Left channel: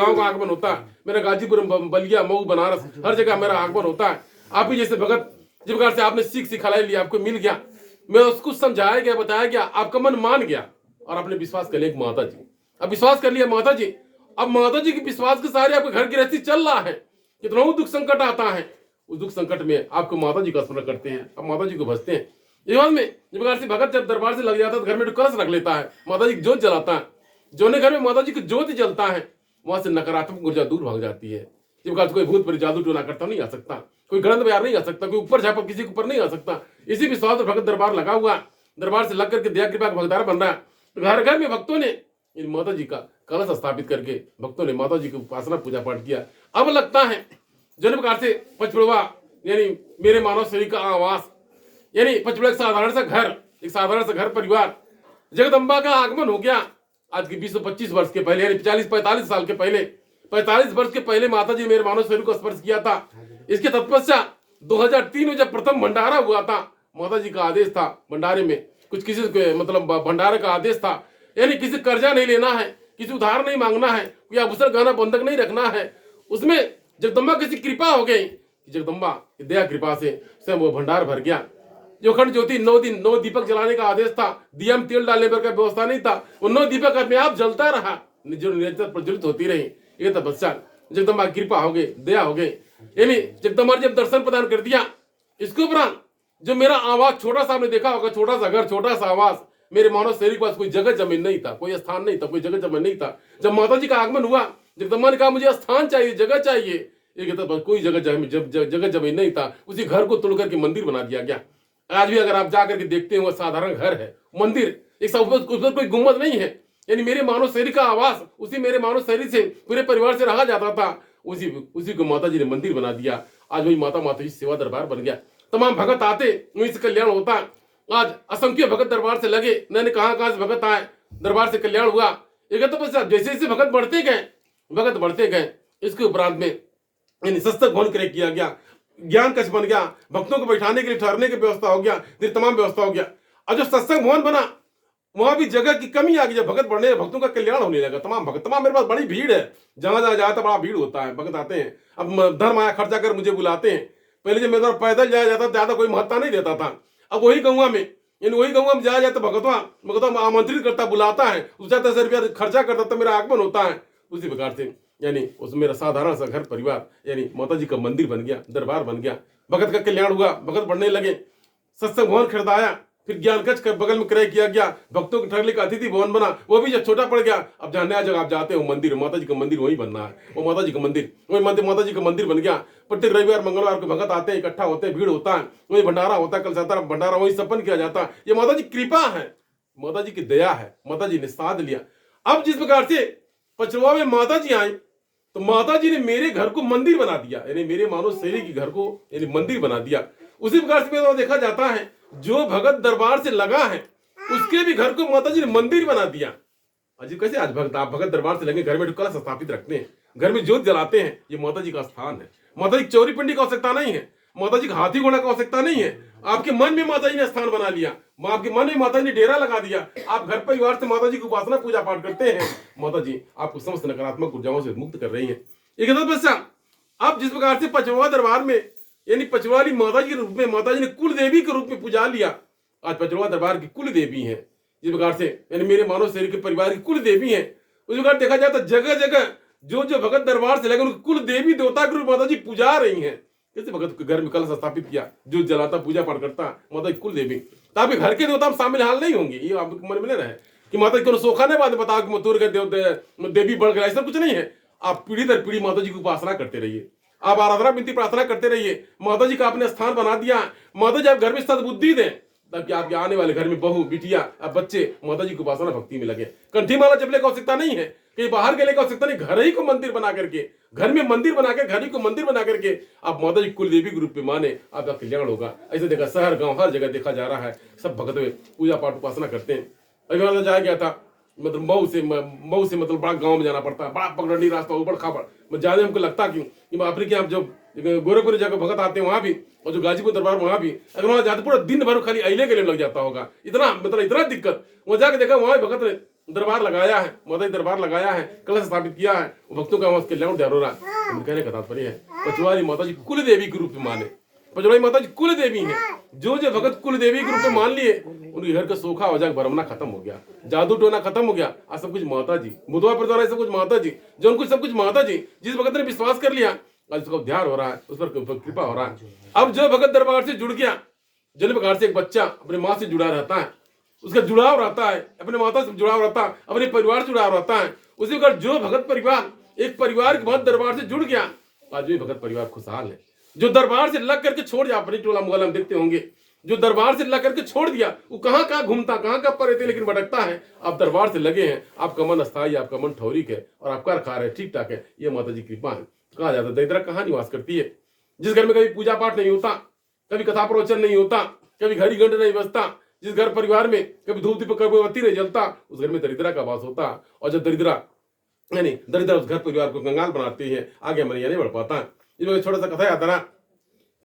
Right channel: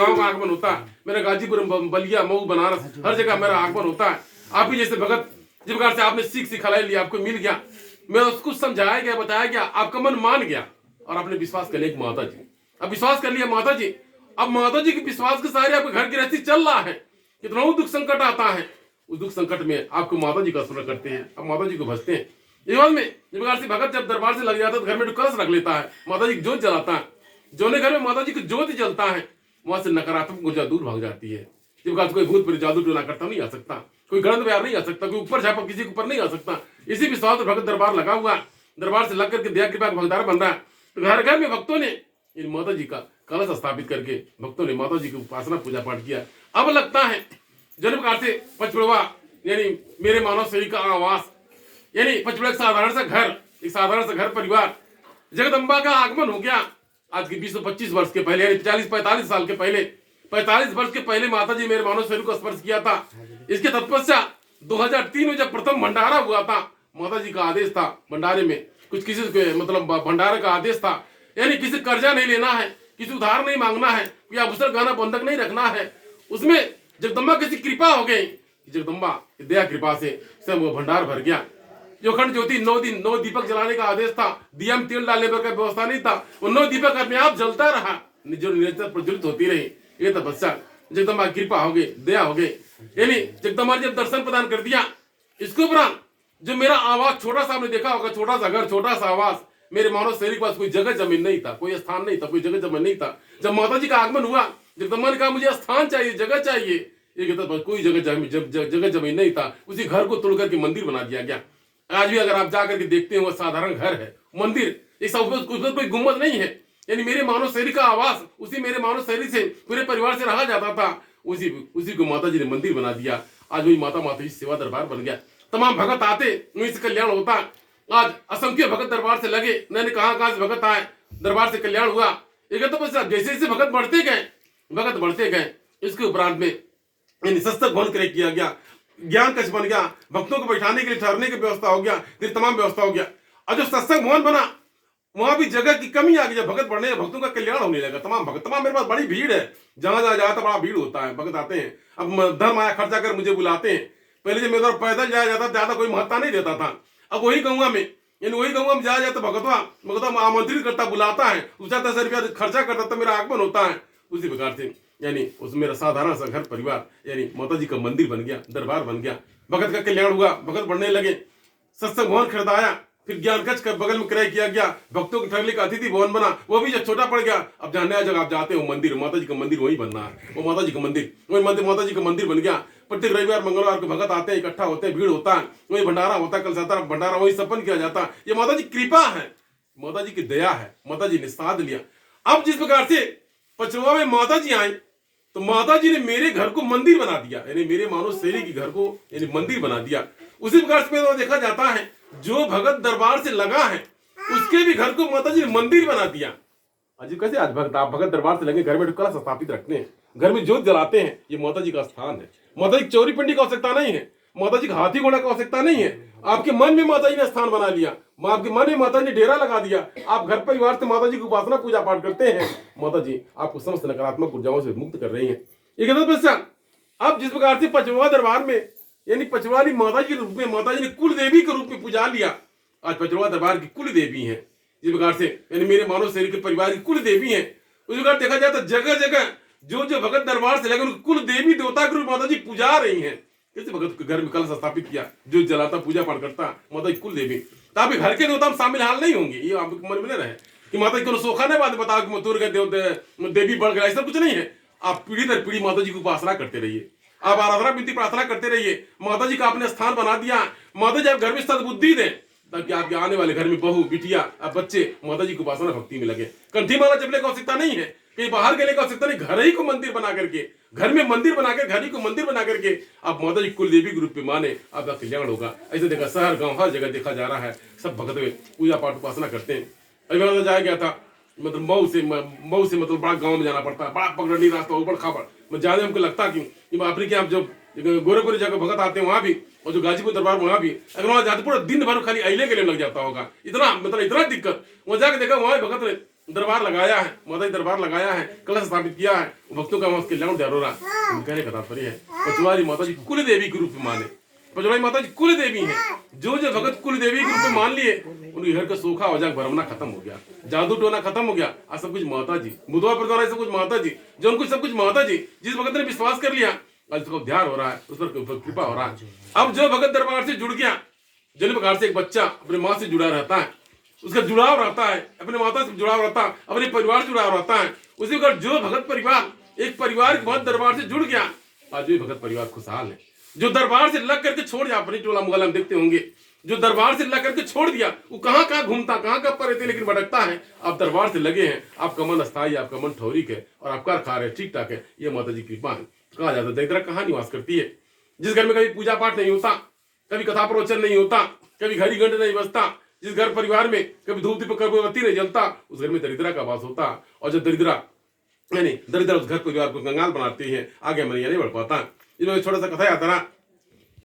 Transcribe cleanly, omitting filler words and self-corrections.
गांव का आगमन होता है, मेरा गाजीपुर, बलिया, मऊ, बनारस, हर जगह मेरा आगमन होता है। आप भी जैसे भगत जिस प्रकार से आपने सीख सिखाई लिया, आपको मिल गया, मैं उसको समझाया गया, बताया गया, आपका मन मान गया और आपने विश्वास कर लिया माता जी, अब विश्वास कर लिया माता जी। अब माता जी के विश्वास के सारे आपके घर गृहस्थी चल रहा है। कितना दुख संकट आता है, उस दुख संकट में आपको माता जी का स्मरण करते हैं, अब माता जी को भजते हैं। इस बात में जिस प्रकार से भगत जब दरबार से लग जाता है तो घर में कलश रख लेता है, माता जी की जोत जलाता है, जो घर में माता जी की ज्योति जलता है वहां से नकारात्मक ऊर्जा दूर भाग जाती है। जिस प्रकार कोई भूत पर जादू टोना करता नहीं आ सकता, कोई गणन व्यार नहीं आ सकता, कोई ऊपर झापा किसी के ऊपर नहीं आ सकता। इसी विश्वास पर भगत दरबार लगा हुआ, दरबार से लग करके दया कृपा का भगदार बन रहा है। तो घर घर में भक्तों ने इन माता जी का कलश स्थापित करके भक्तों ने माता जी की उपासना पूजा पाठ किया। अब लगता है जन्म प्रकार से पचपड़वा यानी मेरे मानव शरीर का आवास, यानी पचपड़ा एक साधारण सा घर, एक साधारण सा घर परिवार, जगदम्बा का आगमन हो गया। आज के 20-25 वर्ष के पहले, यानी 40-45 साल के पहले, 45 वर्ष के पहले माता जी मेरे मानव शरीर को स्पर्श किया था। इसके तत्पश्चात 2003 में जब प्रथम भंडारा हुआ था, माता जी का आदेश था भंडारे में, कुछ किसी मतलब भंडारे का आदेश था, यानी किसी कर्जा नहीं लेना है, किसी उधार नहीं मांगना है, कोई आभूषण गहना बंधक नहीं रखना है। उसमें जगदम्बा की कृपा हो गई, जगदम्बा दया कृपा से स्वयं वो भंडार भर गया। जो अखंड ज्योति 9 दिन 9 दीपक जलाने का आदेश था, दिया में तेल डालने पर का व्यवस्था नहीं था, वो 9 दीपक अपने आप जलता रहा, जो निरंतर प्रज्वलित होती रही। ये तपस्या जगदम्बा की कृपा हो गई, दया हो गई, यानी जगदम्बा ने जब दर्शन प्रदान कर दिया। इसके उपरांत जो मेरा आवास छोटा सा, आपने देखा होगा, छोटा सा घर, छोटा सा आवास, मेरे मानव शरीर के पास कोई जगह जमीन नहीं था, कोई स्थान नहीं था, कोई जगह जमीन नहीं था। जब माता जी का आगमन हुआ, जगदम्बा ने कहा मुझे स्थान चाहिए, जगह चाहिए, ये कहता कोई जगह जमीन नहीं था। उसी घर को तोड़ करके मंदिर बना दिया गया। आज भी अगर आप जाकर के देखते हैं वो साधारण घर है, मंदिर, एक उसमें कोई गुम्बद नहीं है, यानी मेरे मानव शरीर का आवास, उसी मेरे मानव शरीर से पूरे परिवार से रहा जाता था, उसी को माता जी ने मंदिर बना दिया। आज वही माता जी सेवा दरबार बन गया। तमाम भगत आते, वहीं से कल्याण होता। आज असंख्य भगत दरबार से लगे, मैंने कहा से भगत आए, दरबार से कल्याण हुआ। एक तो बस जैसे जैसे भगत बढ़ते गए, इसके उपरांत में सत्संग भवन क्रय किया गया, ज्ञान कक्ष बन गया, भक्तों को बैठाने के लिए ठहरने की व्यवस्था हो गया, फिर तमाम व्यवस्था हो गया। और जो सत्संग भवन बना वहां भी जगह की कमी आ गई, जब भगत बढ़ने, भक्तों का कल्याण होने लगा। तमाम मेरे पास बड़ी भीड़ है, जहां जहां जाता बड़ा भीड़ होता है, भगत आते हैं। अब धर्म आया खर्चा कर मुझे बुलाते हैं। पहले जब मेरे पैदल जाया जाता ज्यादा कोई महत्ता नहीं देता था। अब वही गौवा में जाया जाता, भगतवा आमंत्रित करता, बुलाता है, उसका 10 रुपया खर्चा करता, तो मेरा आगमन होता है। उसी प्रकार से यानी उसमें मेरा साधारण सा घर परिवार, यानी माता जी का मंदिर बन गया, दरबार बन गया, भगत का कल्याण हुआ, भगत बढ़ने लगे। सत्संग भवन खरीदाया, फिर ज्ञान कक्ष का बगल में क्रय किया गया, भक्तों के ठहरने का अतिथि भवन बना, वो भी जब छोटा पड़ गया। अब जहाँ नया जगह आप जाते हो मंदिर, माता जी का मंदिर वही बनना है, वो माता जी का मंदिर, वही माता जी का मंदिर बन गया। प्रत्येक रविवार मंगलवार को भगत आते हैं, इकट्ठा होते हैं, भीड़ होता है, वही भंडारा होता है, कल साता भंडारा वही सपन किया जाता है। ये माता जी कृपा है, माता जी की दया है, माता जी ने साथ लिया। अब जिस प्रकार से पचरवा में माता जी आई, तो माता जी ने मेरे घर को मंदिर बना दिया, यानी मेरे मानव शरीर के घर को यानी मंदिर बना दिया। उसी प्रकार से देखा जाता है जो भगत दरबार से लगा है उसके भी घर को माता जी ने मंदिर बना दिया। अजीब कैसे, आज आप भगत दरबार से लगे, घर में कलश स्थापित रखते हैं, घर में ज्योत जलाते हैं, ये माता जी का स्थान है। माता जी चौरी पिंडी की आवश्यकता नहीं है, माता जी का हाथी घोड़ा की आवश्यकता नहीं है। आपके मन में माता जी ने स्थान बना लिया, आपके मन में माता जी ने डेरा लगा दिया। आप घर परिवार से माता जी की उपासना पूजा पाठ करते हैं, माता जी आपको समस्त नकारात्मक ऊर्जाओं से मुक्त कर रही है। अब जिस प्रकार से पचवा दरबार में यानी पचवाली माता जी के रूप में माता जी ने कुल देवी के रूप में पूजा लिया। आज पचवा दरबार की कुल देवी है, जिस प्रकार से यानी मेरे मानव शरीर के परिवार की कुल देवी है। उस प्रकार देखा जाए तो जगह जगह जो भगत दरबार से लगे उनको कुल देवी देवता के रूप माता जी पूजा रही है। जैसे भगत के घर में कलश स्थापित किया, जो जलाता पूजा पाठ करता माता जी कुल देवी, तो आपके घर के देवता हम शामिल हाल नहीं होंगे, ये आपके मन में न रहे कि माता जी को सोखा नहीं बात बताओ कि मथुर के देवी बढ़ गया, ऐसा कुछ नहीं है। आप पीढ़ी दर पीढ़ी माता जी की उपासना करते रहिए, आप आराधना विनती प्रार्थना करते रहिए। माता जी का आपने स्थान बना दिया, माता जी आप घर में सद्बुद्धि दें ताकि आपके आने वाले घर में बहू बिटिया बच्चे माता जी की उपासना भक्ति में लगे। कंठी माला जपने की आवश्यकता नहीं है, कहीं बाहर गले की आवश्यकता नहीं, घर ही को मंदिर बना करके, घर में मंदिर बना के, घर ही को मंदिर बना करके आप माता जी कुल देवी के रूप में माने, आपका कल्याण होगा। ऐसे देखा शहर गांव हर जगह देखा जा रहा है, सब भगत पूजा पाठ उपासना करते हैं। अभी मैं जाया गया था, मतलब मऊ से मतलब बड़ा गांव में जाना पड़ता है, बड़ा पगडंडी रास्ता, ऊबड़ खाबड़। ज्यादा हमको लगता कि अपने के यहाँ जब गोरखपुर जगह भगत आते हैं वहां भी, और जो गाजीपुर दरबार वहां भी, अगर वहां जाते पूरा दिन भर खाली अइले के लिए लग जाता होगा, इतना मतलब इतना दिक्कत। वहां जाके देखा वहां भगत दरबार लगाया है, माता जी दरबार लगाया है, कलश स्थापित किया है, भक्तों का वहां उसके लौट हो रहा है। कहने का तात्पर्य है पचवारी माता जी कुल देवी के रूप में माने, पचवारी माता जी कुल देवी है। जो जो भगत कुल देवी के रूप में मान लिए उनके घर का सूखा हो जाए, भरमना खत्म हो गया, जादू टोना खत्म हो गया। आज सब कुछ माता जी, बुधवार पर सब कुछ माता जी, जो उनको सब कुछ माता जी। जिस भगत ने विश्वास कर लिया आज उसको ध्यान हो रहा है, उस पर कृपा हो रहा है। अब जो भगत दरबार से जुड़ गया, जिन प्रकार से एक बच्चा अपने माँ से जुड़ा रहता है, उसका जुड़ाव रहता है, अपने माता से जुड़ाव रहता है, अपने परिवार से जुड़ाव रहता है, उसी प्रकार जो भगत परिवार एक परिवार के बाद दरबार से जुड़ गया, आज भी भगत परिवार खुशहाल है। जो दरबार से लग करके छोड़ दिया, अपनी टोला मुहल्ला में देखते होंगे, जो दरबार से लग करके छोड़ दिया वो कहाँ कहाँ घूमता, कहाँ कहाँ पर रहते, लेकिन भटकता है। आप दरबार से लगे हैं, आपका मन अस्थायी, आपका मन ठौरिक है और आपका कार्य ठीक ठाक है। ये माता जी की कृपा है। कहा जाता है दरिद्रा कहाँ निवास करती है? जिस घर में कभी पूजा पाठ नहीं होता, कभी कथा प्रवचन नहीं होता, कभी घड़ी घंटे नहीं बजता, जिस घर परिवार में कभी धूप दीपक कभी बत्ती नहीं जलता, उस घर में दरिद्रा का वास होता। और जब दरिद्रा यानी दरिद्र उस घर परिवार को कंगाल बनाती है, आगे मन नहीं बढ़ पाता। इसमें छोटा सा कथा आता ना,